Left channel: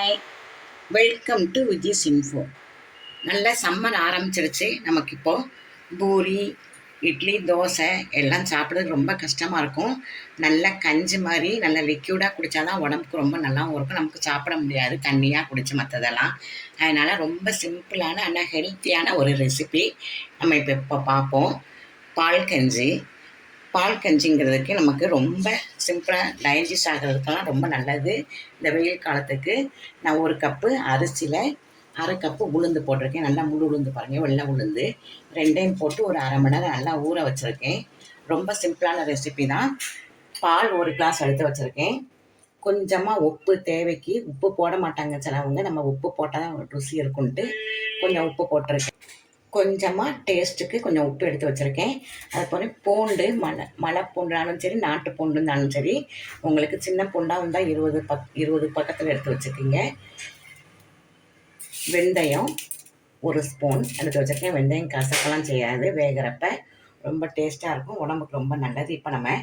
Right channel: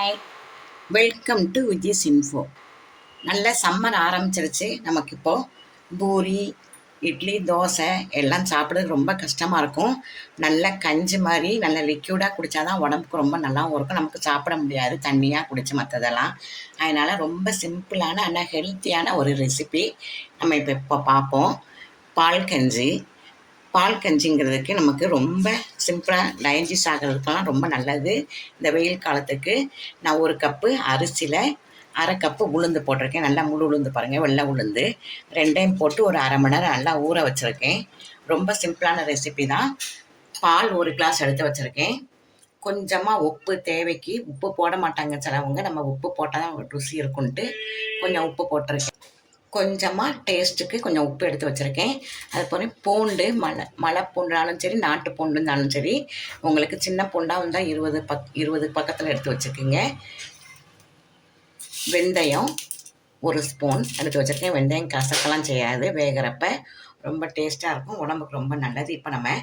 Hi, welcome to Viji's info. நல்ல summer ஆரம்பிச்சிருச்சு. நமக்கு இப்போது பூரி, இட்லி, தோசை எல்லாம் சாப்பிட்றது ரொம்ப கஷ்டமாக இருக்கும். நல்ல கஞ்சி மாதிரி நல்ல லிக்யூடாக குடித்தா தான் உடம்புக்கு ரொம்ப நல்லாவும் இருக்கும். நமக்கு சாப்பிட முடியாது தண்ணியாக குடித்து மற்றதெல்லாம். அதனால் ரொம்ப சிம்பிளான ஆனால் ஹெல்த்தியான ஒரு ரெசிபி நம்ம இப்போ பார்ப்போம். பால் கஞ்சி. பால் கஞ்சிங்கிறதுக்கு நமக்கு ரொம்ப சிம்பிளாக டைஜஸ்ட் ஆகிறதுக்கெல்லாம் ரொம்ப நல்லது. இந்த வெயில் காலத்துக்கு நான் 1 கப்பு அரிசியில் 1/2 கப்பு உளுந்து போட்டிருக்கேன். நல்லா முழு உளுந்து பாருங்கள், வெள்ளை உளுந்து 2யும் போட்டு ஒரு 1/2 மணி நேரம் நல்லா ஊற வச்சுருக்கேன். ரொம்ப சிம்பிளான ரெசிபி தான். பால் 1 கிளாஸ் எடுத்து வச்சுருக்கேன். கொஞ்சமாக உப்பு தேவைக்கு. உப்பு போட மாட்டாங்க சிலவங்க, நம்ம உப்பு போட்டால் தான் ருசி இருக்குன்ட்டு கொஞ்சம் உப்பு போட்டிருக்கேன். கொஞ்சமாக டேஸ்ட்டுக்கு கொஞ்சம் உப்பு எடுத்து வச்சுருக்கேன். அதுபோல் பூண்டு, மலை பூண்டாலும் சரி, நாட்டு பூண்டுனாலும் சரி, உங்களுக்கு சின்ன பூண்டாக இருந்தால் 20 பக்கத்தில் எடுத்து வச்சுக்கோங்க. வெந்தயம் 1 ஸ்பூன் எடுத்து வச்சுருக்கேன். வெந்தயம் கசக்கெல்லாம் செய்யாது, வேகிறப்ப ரொம்ப டேஸ்ட்டாக இருக்கும், உடம்புக்கு ரொம்ப நல்லது. இப்போ நம்ம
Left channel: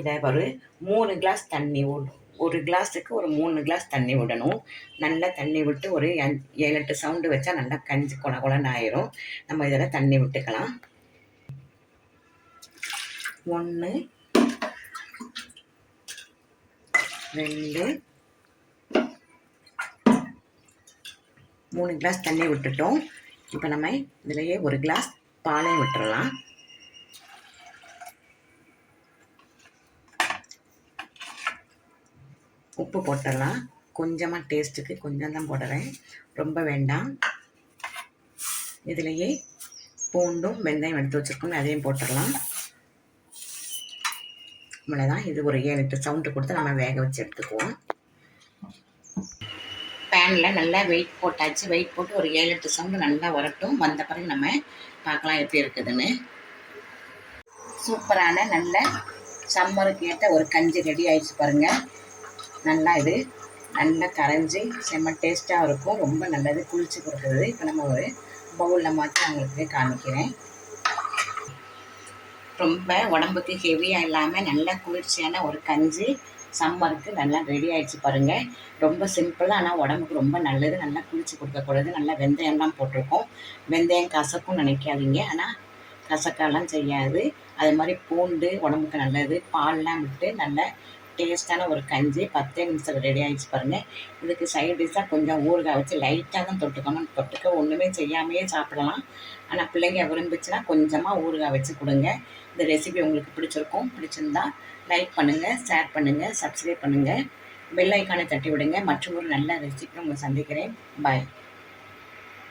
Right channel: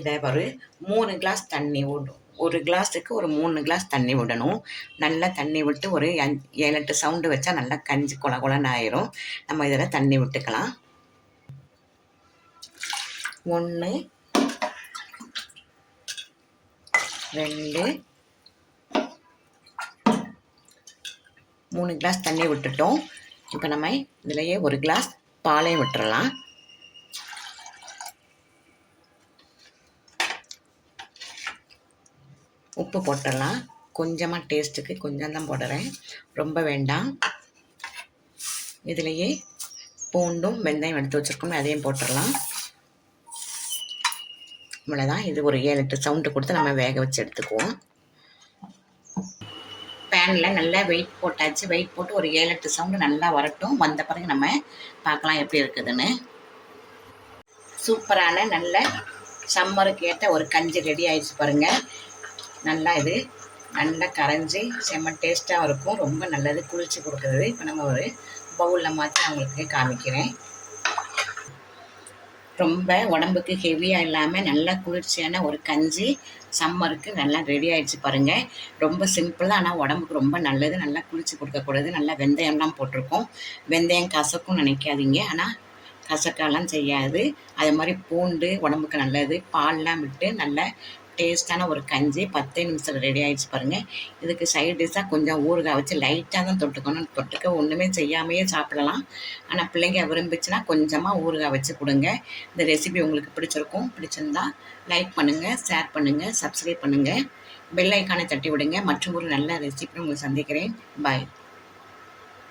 இதை ஒரு 3 கிளாஸ் தண்ணி விடும். 1 கிளாஸுக்கு ஒரு 3 கிளாஸ் தண்ணி விடணும். நல்லா தண்ணி விட்டு ஒரு 7-8 சவுண்டு வச்சா நல்லா கஞ்சி குழகுலன்னு ஆயிரும். நம்ம இதில் தண்ணி விட்டுக்கலாம். 1 2 3 கிளாஸ் தண்ணி விட்டுட்டோம். இப்போ நம்ம இதிலையே 1 கிளாஸ் பாலையும் விட்டுறலாம். உப்பு போட்டுடலாம். கொஞ்சமாக டேஸ்ட்டுக்கு கொஞ்சம் தான் போடுறேன், ரொம்ப வேண்டாம். இதிலையே பூண்டும் வெந்தயம் எடுத்து வச்சுருக்கோம், அதையும் போட்டுடலாம். இவ்வளோதான். இது ஒரு 7-8 சவுண்டு கொடுத்து நம்ம வேக வச்சு எடுத்துக்குவோம். பேனில் நல்லா வெயிட் போட்டாச்சு. வெயிட் போட்டு ஒரு 7-8 சவுண்டு நல்லா வரட்டும். வந்த பிறகு நம்ம பார்க்கலாம் எப்படி இருக்குதுன்னு. சூப்பரான நல்ல சம்மருக்கு ஏற்ற ஒரு கஞ்சி ரெடி ஆயிடுச்சு பாருங்கள். நல்லா இது நல்லா கரைஞ்சி செம்ம டேஸ்ட்டாக இருக்கும், ரொம்ப நல்லது, குளிர்ச்சி கொடுக்குறது. இப்போ நம்ம ஒரு பவுலில் மாற்றி உங்களுக்கு காமிக்கிறேன். ரொம்ப உடம்புக்கு ஹெவியாக இல்லாமல் நல்ல குளிர்ச்சியான ஒரு கஞ்சி சம்மருக்கு நல்லா ரெடி ஆகிடுச்சு பாருங்கள். ரொம்ப சிம்பிள் தான், ஆனால் உடம்புக்கு ரொம்ப நல்லது. நல்லா குளிர்ச்சி கொடுக்கக்கூடாது. நல்லா வெந்தயம்லாம் போட்டிருக்கோம். வெந்தயம் கசக்கும் நினைக்காதீங்க, ஆனால் கசக்கெல்லாம் செய்யாது. அது மாதிரி பூண்டு உடம்புக்கு நல்லது. பால்லாம் விட்டு நல்ல டேஸ்ட்டான ஒரு கஞ்சி 10 நிமிஷத்தில் ரெடி ஆகிடுச்சு பாருங்கள். இதுக்கு சைட் டிஷ்ஷாக கொஞ்சம் ஊறுகாய் வச்சு லைட்டாக தான் தொட்டுக்கணும். தொட்டுக்க ஒன்றுமே செய்யாமையே சாப்பிடலாம். ஆனால் பிள்ளைங்க விரும்பிச்சுன்னா கொஞ்சமாக ஊறுகாய் வச்சு கொடுங்க. இந்த ரெசிபி உங்களுக்கு பிடிச்சிருந்தா லைக் பண்ணுங்கள், ஷேர் பண்ணுங்கள், சப்ஸ்கிரைப் பண்ணுங்கள், பெல் ஐக்கானை தட்டி விடுங்க. மற்றும் ஒரு நல்ல ரெசிபி உங்களை சந்திக்கிறேன். பாய்.